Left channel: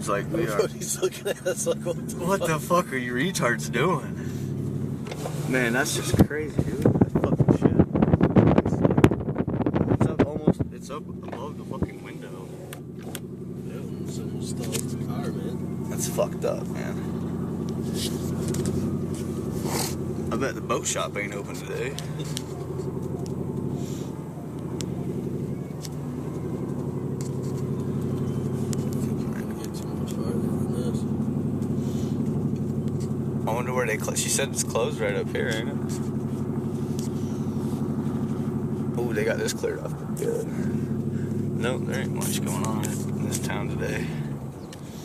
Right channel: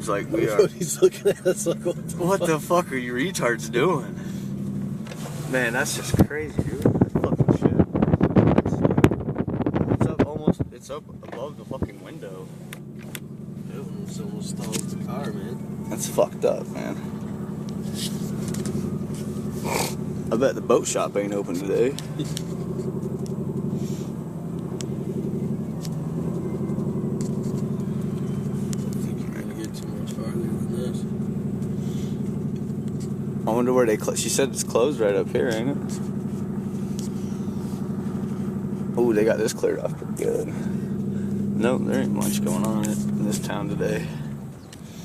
seems like we are. He's looking at us like, What the fuck are you retards doing? Man, that's just crazy, dude. That fucking shit. It's up almost, it's up above the fucking window. Dude, someone stole the car, man. That's fucked up, man. I bet the boat shop ain't open today. I wonder where they she said it's closed right up here, ain't it? Oh, they got this cleared up good. Nope, there ain't much going on in this town today.